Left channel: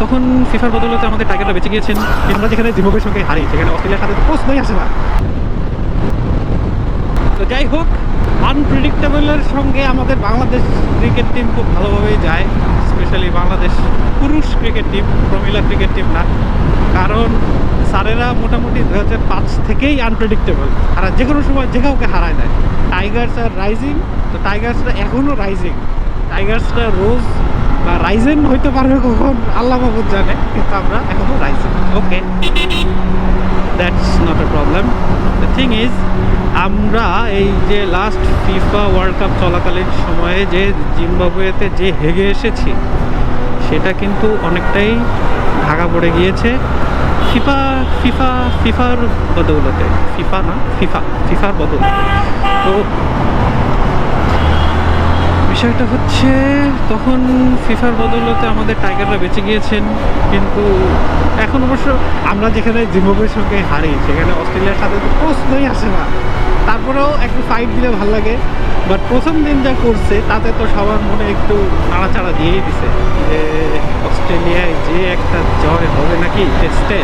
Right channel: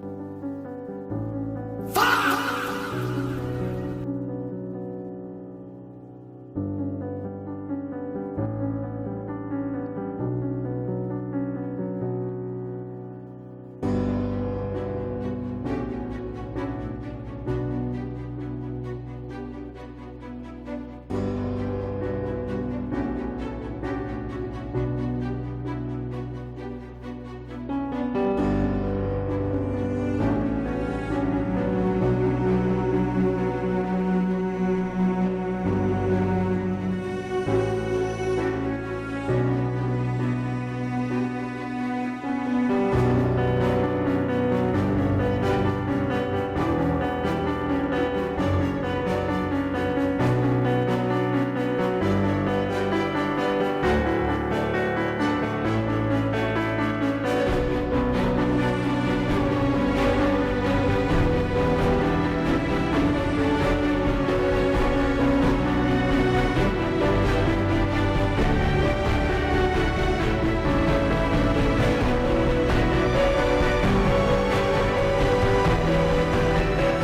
তখন ফিফার বদলতে আমাদের টাইগাররা বেঁচে গিয়েছেন। আমরা যেখানে জিম্বাবুয়ের সঙ্গে হারি সেখানে অস্ট্রেলিয়ার সাথে প্রশ্নই আসে না। তো যাই হোক, আনপ্রেডিক্টেবলের সঙ্গে আমাদের বাংলাদেশ ক্রিকেট টিম খুব ভালোভাবেই যায়, স্পেশালি বাংলাদেশ পুরুষ ক্রিকেট টিম, প্রমিলা ক্রিকেট টিম না। কারণ স্যারেরা মোটামুটি 2005 থেকেই আনপ্রেডিক্টেবল, আর যে কোনো সময় যে কাউকে হারায় দেয়। টাইগার্স আর রাইজিং, তো টাইগার্সরা এখনও রাইজিং, টাইগার্সরা রোজ বা রাইজেন হইতে পারবে কখন আল্লাহ মাহবুব জানে, কিন্তু আমরা এখনও Ryzen. Okay, that's not a problem. The thing is, আমরা এই যে লাস্ট ফিফা ওয়ার্ল্ড কাপ চলাকালীন সময়ে যে জিম্বাবুয়েতে যে হেগে এসেছি, সেটা কিন্তু অনেকটাই ঢাকা পড়ে গিয়েছে ফিফার বদৌলতে। ফিফার বদৌলতে। তো বিষয়টা হচ্ছে, তখন ফিফার বদৌলতে আমাদের টাইগাররা বেঁচে গিয়েছেন, কিন্তু এখন অবশ্য আমরা যেখানে জিম্বাবুয়ের সঙ্গে হারি সেখানে অস্ট্রেলিয়ার সাথে প্রশ্নই আসে না। তারপরেও একটু ফাইট দিলে ভালো লাগে। বাট প্রথম দিন যা করছে তাতে তো সবার মনে একটু নাড়াচাড়া দিয়েই দিছে যে অস্ট্রেলিয়ায় যে একটা জয় হবে নাকি টেস্টে।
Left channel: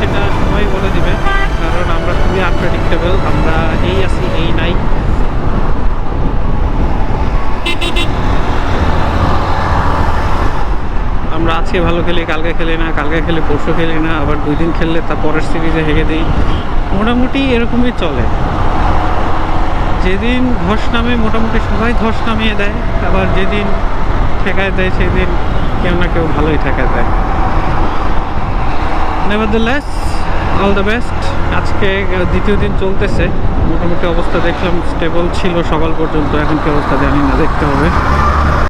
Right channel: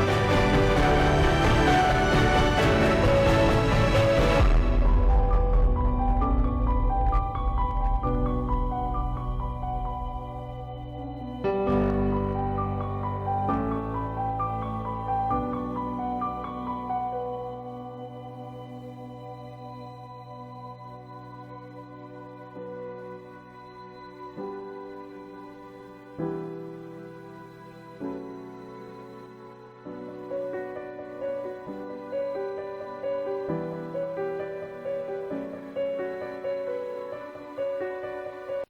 সেটা সময় বলে দিবে, কারণ আমরা খুবই আনপ্রেডিক্টেবল। আমরা এই আছি এই নাই। আমরা আজকে ভালো খেলি, কালকে খেলি না, কালকে খেলি পরশু খেলি না, আবার 2 দিন খেললে তার পরের সিরিজে হেগে দিই। মোটামুটি এরকমই চলে। যেদিন ধস নামে মোটামুটি সবাই ধস নামিয়ে দেয়, আবার যেদিন ঠেকায় দেয় সেদিন কেউ না কেউ ভালোই ঠেকায় দেয়। নেভারদ্যালেস, অল দ্য বেস্ট। আজকে দ্বিতীয় দিন চলতেছে, মোটামুটি অবস্থা দেখলাম স্টেবল ছিল সকাল পর্যন্ত, এখন কি অবস্থা জানি না, দেখতে হবে।